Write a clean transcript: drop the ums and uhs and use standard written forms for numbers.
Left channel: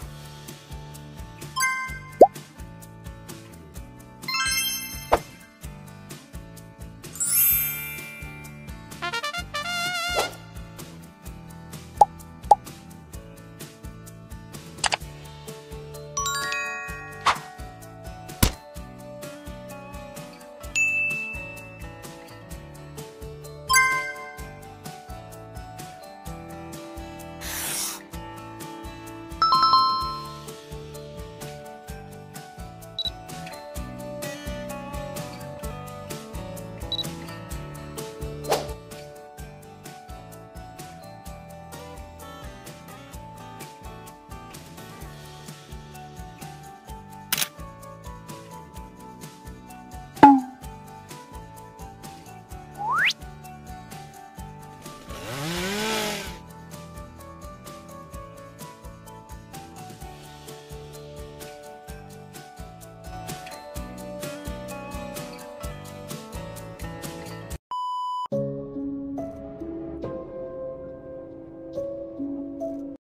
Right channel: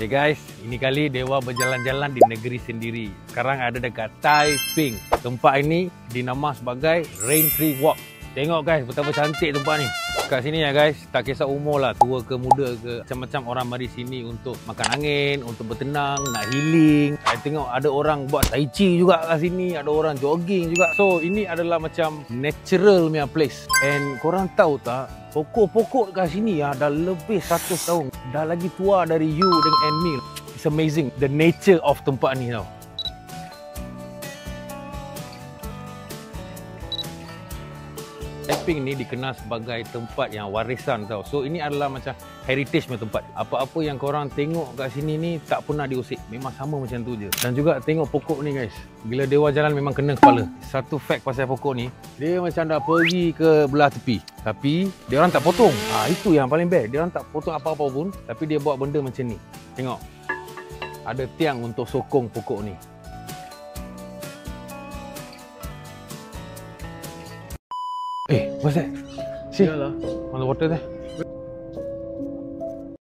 Hey guys, ini kali Dewa berjalan-jalan di negeri sendiri. Sekarang ada dekat Taiping. Tempat ini dinama sebagai Rain Tree Walk. Tengok guys, betapa cantik tempat ni. Kat sini ya guys, tak kisah umur lah, tua ke muda ke, macam-macam orang mari sini untuk makan angin, untuk bertenang, nak healing. Saya tengok ada orang buat tai chi juga kat sini, ada orang jogging juga. So ini adalah macam natural punya place. And korang tahu tak, pokok-pokok kat sini ya dah lebih 100 tahun. Dah lagi tua dari you dengan Emil. It's amazing the nature of tempat ni tau. Taiping ni dikenal sebagai tempat yang warisan tau. So ini adalah macam heritage punya tempat. Apa-apa yang korang tengok kat sini ni tak pernah diusik. Memang sama macam tu je. Dan juga tengok pokok ni guys. Bila Dewa jalan memang kena kepala. Satu fact pasal pokok ni, dia macam dah pergi ke belah tepi. Tapi dia orang tak potong. Itu yang paling best. Dia orang tak potong apa-apa pun, tapi dia buat benda macam ni. Tengok. Ada tiang untuk sokong pokok ni. What's that? See? Yalah. On the water there.